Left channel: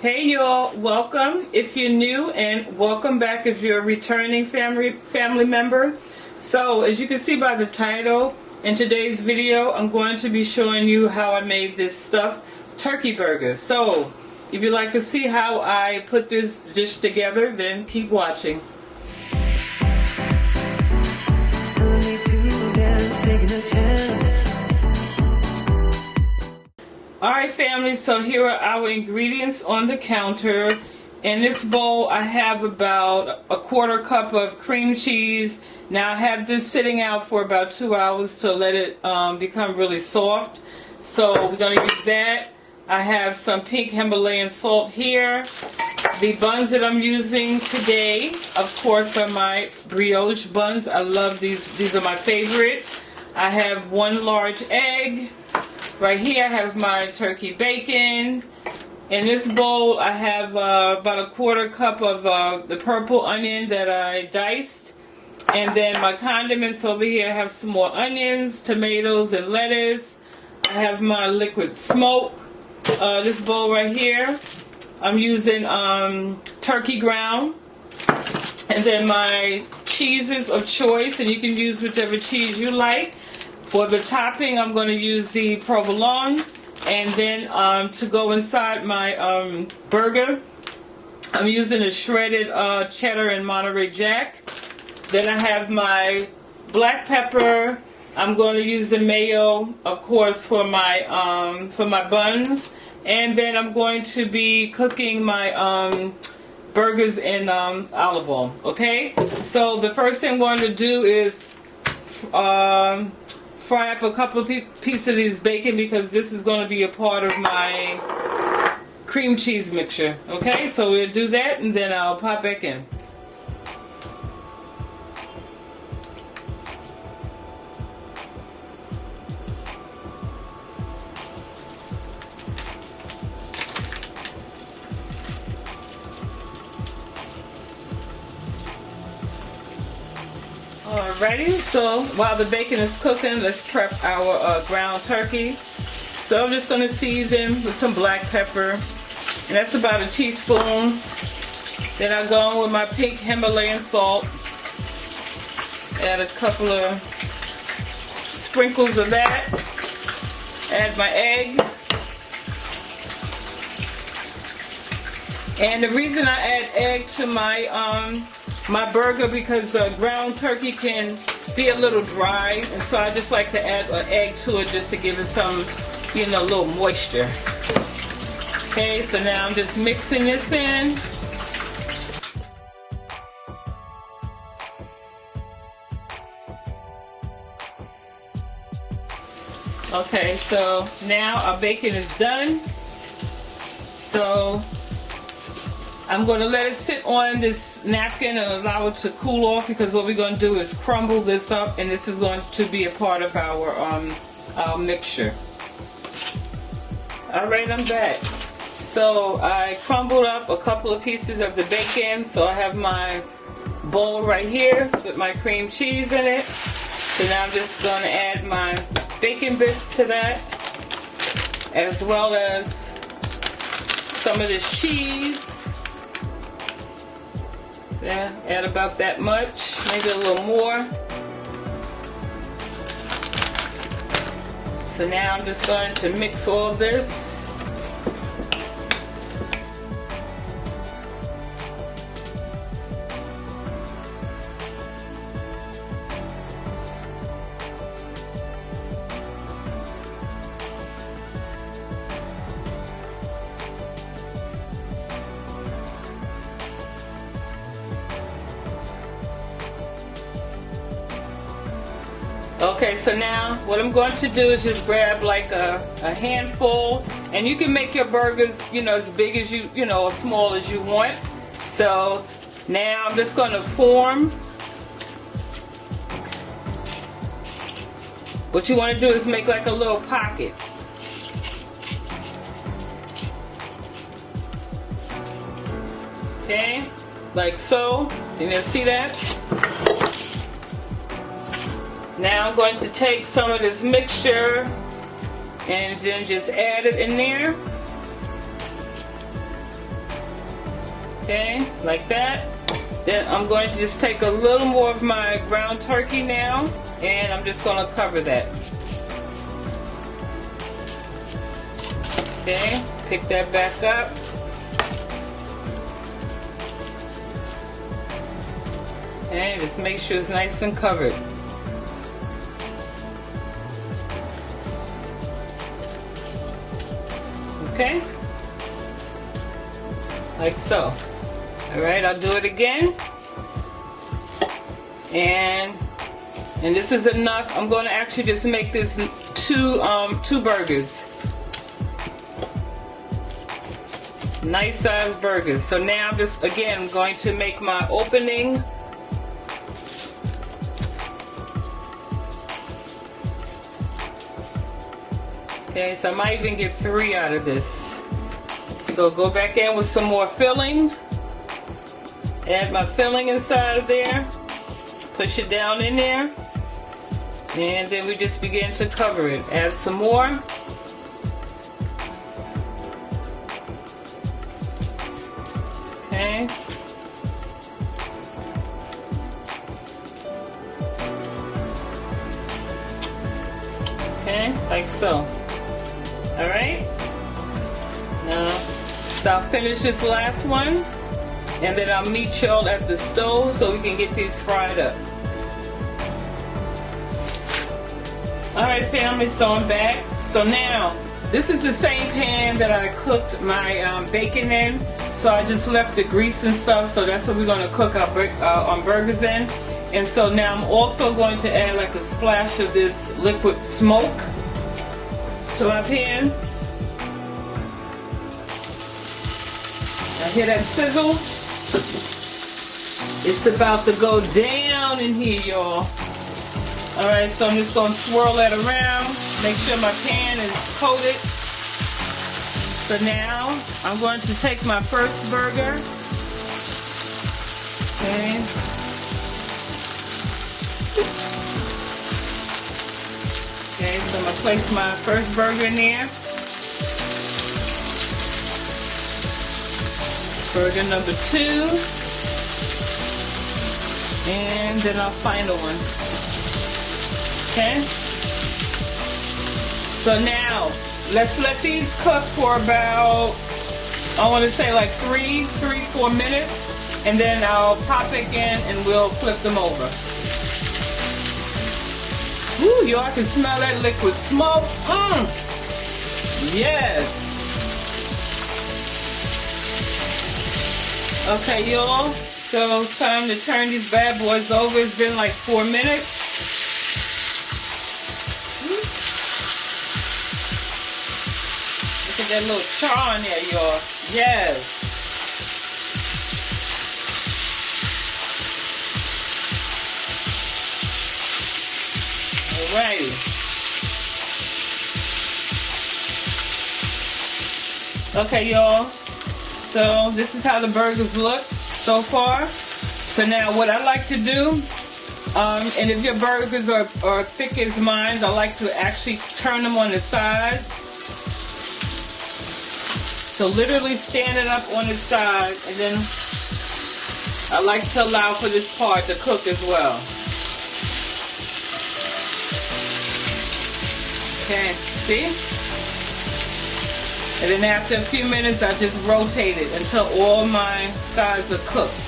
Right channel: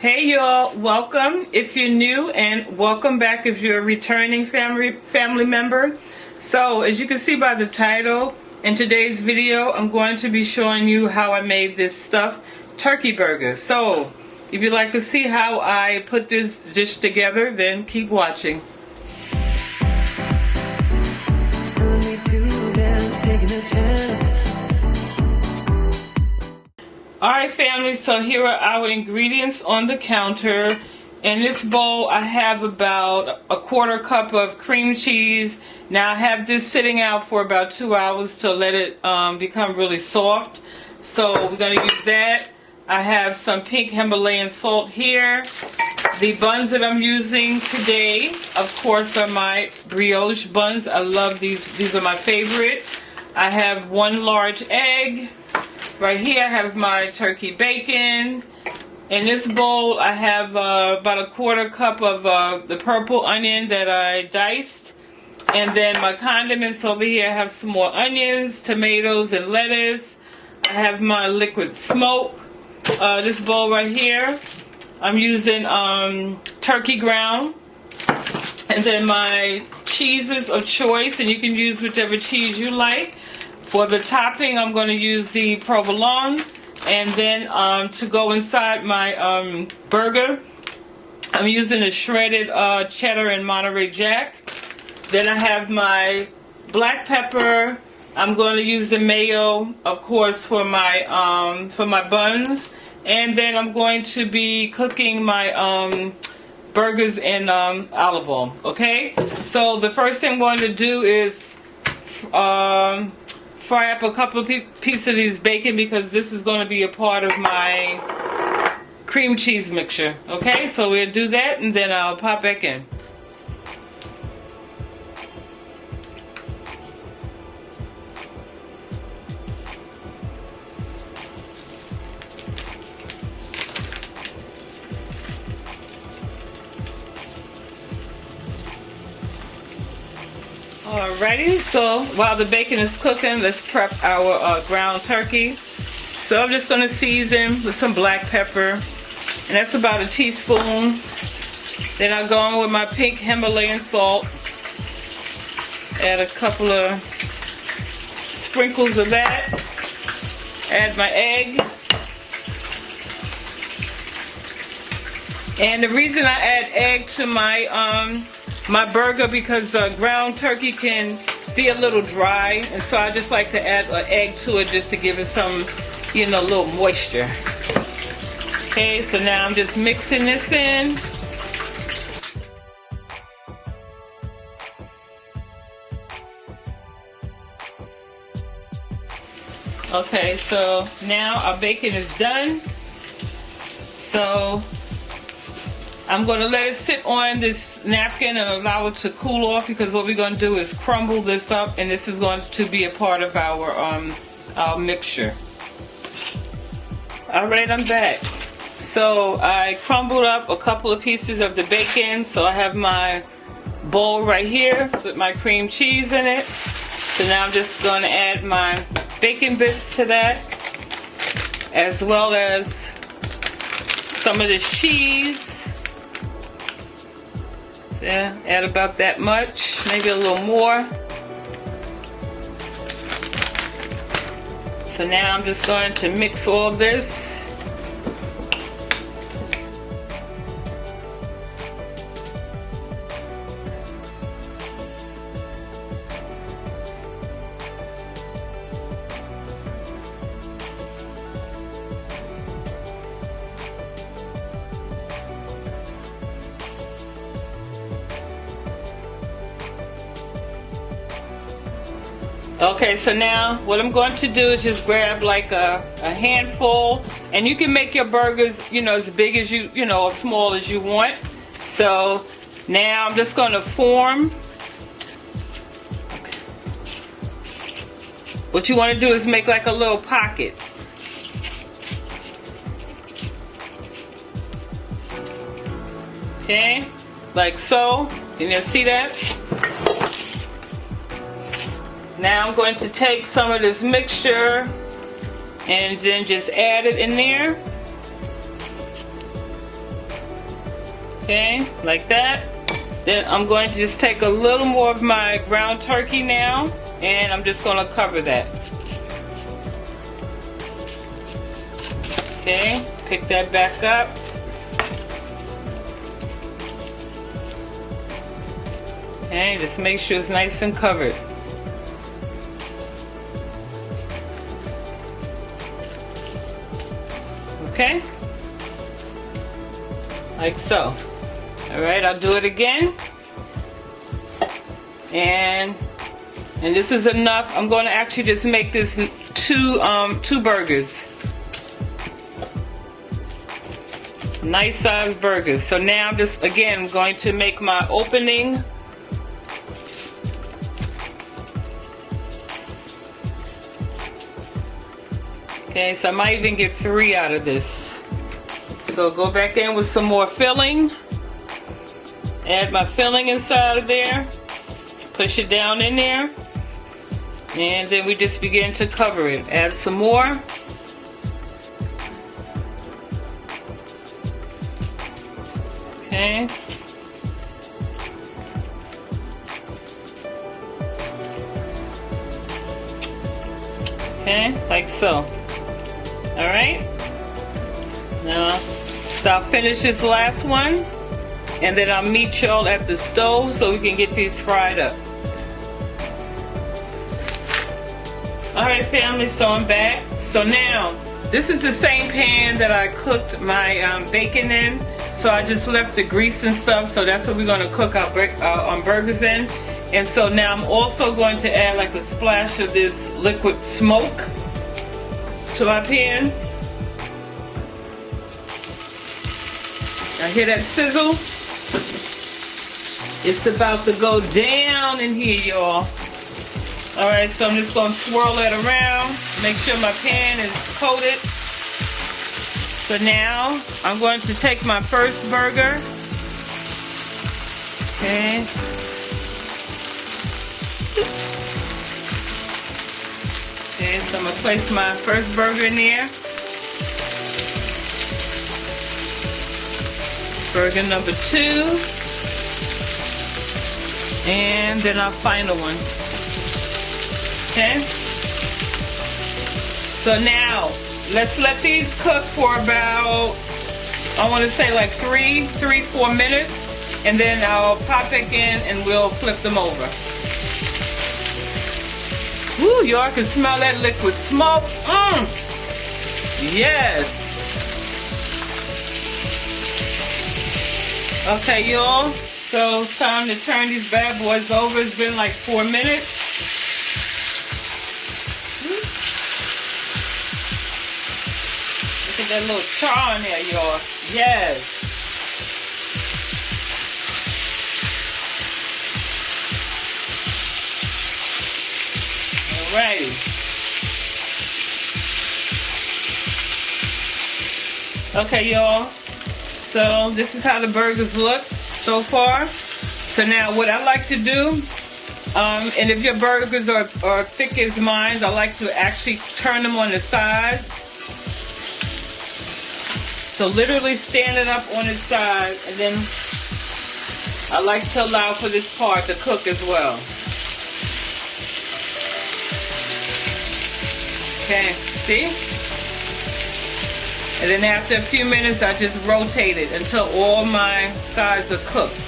Hey y'all, welcome if you're new, and welcome back if you're a returning family member. So as you can see by the title, in today's video I'm going to be showing you how I made this stuffed turkey burger. So if you'd like to see how I put this dish together, then keep watching. Alright family, so here are our ingredients on the counter. In this bowl I have about a quarter cup of cream cheese. Now I have this sitting out for about 2 hours to let it become really soft. So we're going to use that. I have some pink Himalayan salt here. The buns that I'm using today, of course, are my brioche buns. I love these. These are my favorite. I have 1 large egg. Right here I have my turkey bacon. In this bowl I have about a quarter cup of the purple onion that I diced. And then my condiments over here, I have some more onions, tomatoes, and lettuce. I have my liquid smoke. This bowl right here, I'm using turkey ground. And then my cheeses of choice, and you can use whichever cheese you like. For the topping, I'm going to use the Provolone, and then to go inside my burger, I'm using a shredded cheddar and Monterey Jack. Then I have my black pepper. I'm going to use the mayo, of course, for my buns, and then I'm going to be cooking my burgers in olive oil. Okay, so the first thing I'm going to do is fry up a couple of pieces of these bacon, because this is going to be a part of my cream cheese mixture. Okay, so we'll do that and then I'll pop back in. Alrighty, so while the bacon is cooking, let's prep our ground turkey. So I'm just going to season with some black pepper, and that's about a teaspoon. Then I'll go in with my pink Himalayan salt, add a couple of sprinkles of that, add my egg. And the reason I add egg to my burger, because ground turkey can be a little dry, and so I just like to add an egg to it just to give it some, a little moisture. Okay, so now I'm just mixing this in. Okay, so now our bacon is done. So I'm going to let it sit on this napkin and allow it to cool off, because what we're going to do is crumble this up, and this is going to be a part of our mixture. Alright, I'm back. So I crumbled up a couple of pieces of the bacon. So I have my bowl right here with my cream cheese in it. So now I'm just going to add my bacon bits to that, as well as some of this cheese. Yeah, add about that much, maybe a little more. So now I'm just going to mix all this. Okay, so now what I'm going to do is just grab like a handful, and you can make your burgers, as big as you, or small as you want. So now I'm just going to form. What you want to do is make like a little pocket. Okay, like so. Can you see that? Now I'm going to take some of this mixture and then just add it in there. Okay, like that. Then I'm going to just take a little more of my ground turkey now, and I'm just going to cover that. Okay, pick that back up. Okay, just make sure it's nice and covered. Okay, like so. All right, I'll do it again. And this is enough. I'm going to actually just make this two burgers. Nice sized burgers. So now I'm just again going to make my opening. Okay, so I might even get 3 out of this. So go back in with some more filling. Add my filling inside of there. Push it down in there. And then we just begin to cover it. Add some more. Okay. Okay, like so. Alright. Now, so I'll finish this last one. And then I'll meet y'all at the stove so we can get these fried up. Alright family, so I'm back. So now, this is the same pan that I cooked my bacon in. So I just left the grease and stuff, so that's what we're going to cook our burgers in. And so now I'm also going to add like a splash of this liquid smoke to my pan. I hear that sizzle? It's about to go down in here, y'all. Alright, so I'm just going to swirl that around. Make sure my pan is coated. So now, I'm going to take my first burger. Okay. Okay, so I'm going to place my first burger in there. Burger number 2. And then our final one. Okay? So now, let's let these cook for about, I want to say like 4 minutes. And then I'll pop it in and we'll flip them over. Woo, y'all can smell that liquid smoke. Yes. Okay, y'all. So it's time to turn these bad boys over. It's been like 4 minutes. Look at that little char in there, y'all. Yes. Alrighty. Okay, y'all. So this is how the burgers look so far. So now what I like to do, and if your burgers are thick as mine, I like to actually turn them on the side. So literally stand it up on its side, and then I like to allow for this part to cook as well. Okay, see? And then after a few minutes, I just rotate it until all my sides are cooked.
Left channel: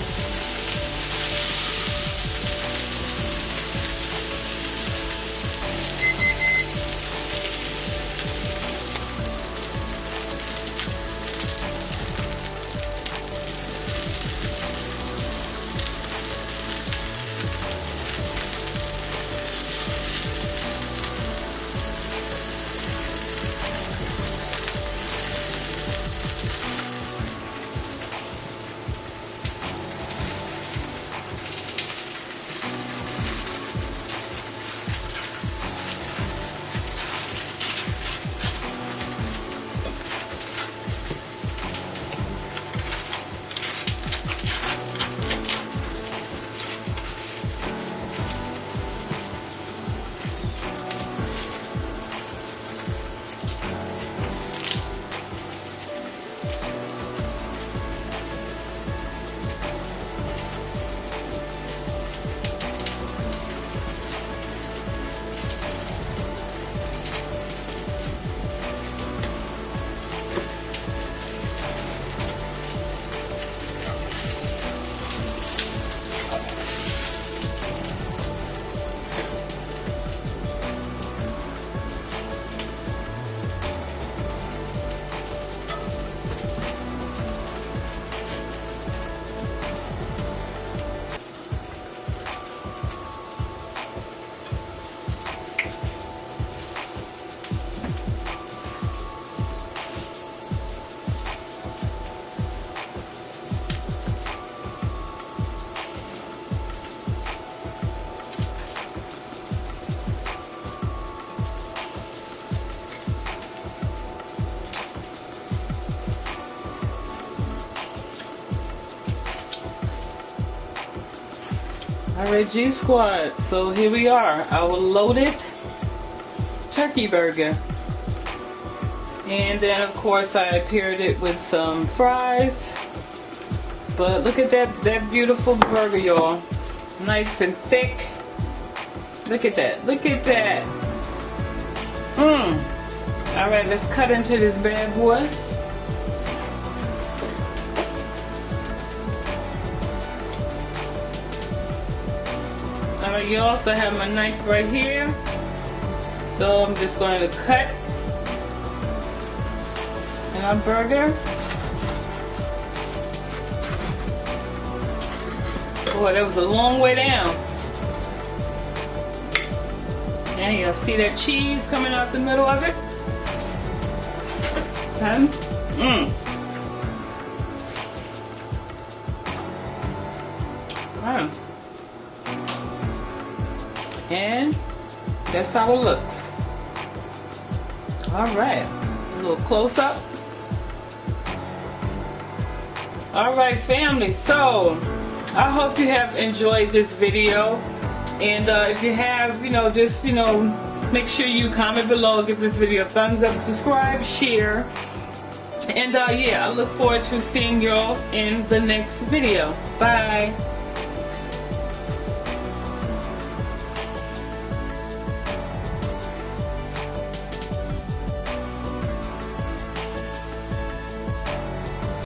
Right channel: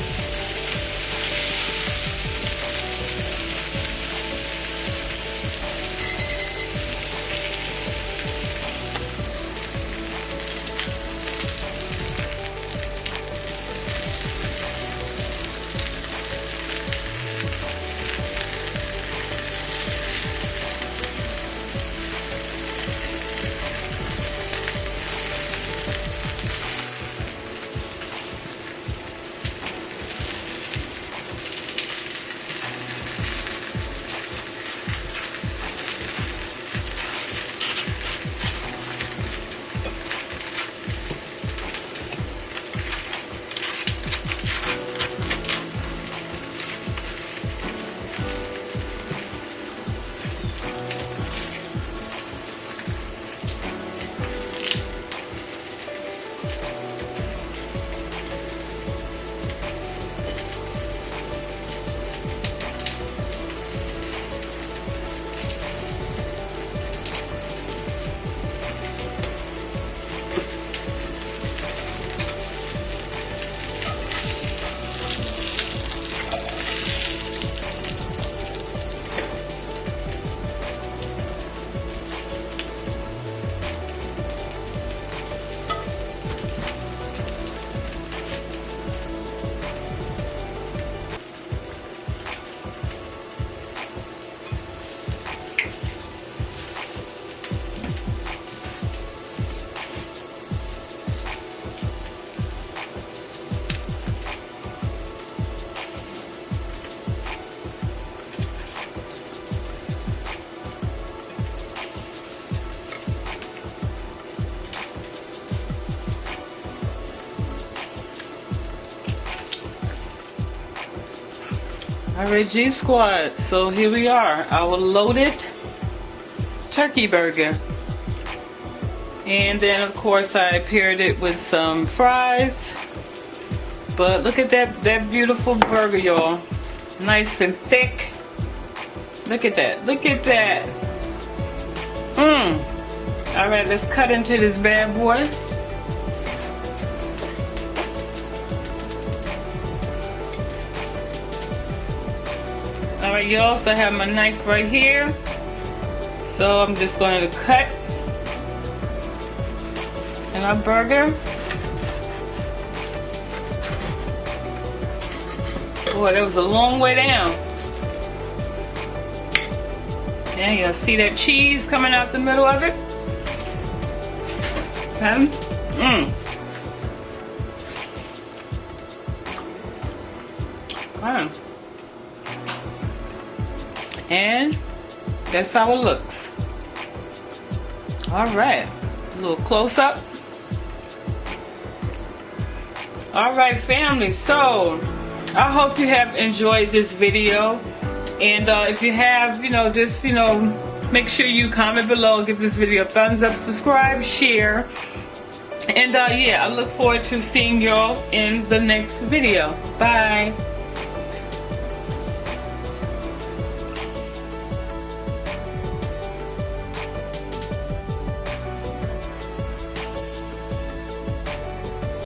Alright, G Squad, so here we are, our loaded turkey burger. And then of course I paired it with some fries. But look at that beautiful burger, y'all. Nice and thick. Look at that, look at that. Alright, let's cut into this bad boy. Alright, you also have my knife right here. So I'm just going to cut in my burger. Boy, that was a long way down. And you'll see that cheese coming out the middle of it. Okay. And that's how it looks. Alright, a little close up. Alright, family, so I hope you have enjoyed this video. And if you have, just, make sure you comment below, give this video a thumbs up, subscribe, share. And yeah, I look forward to seeing y'all in the next video. Bye.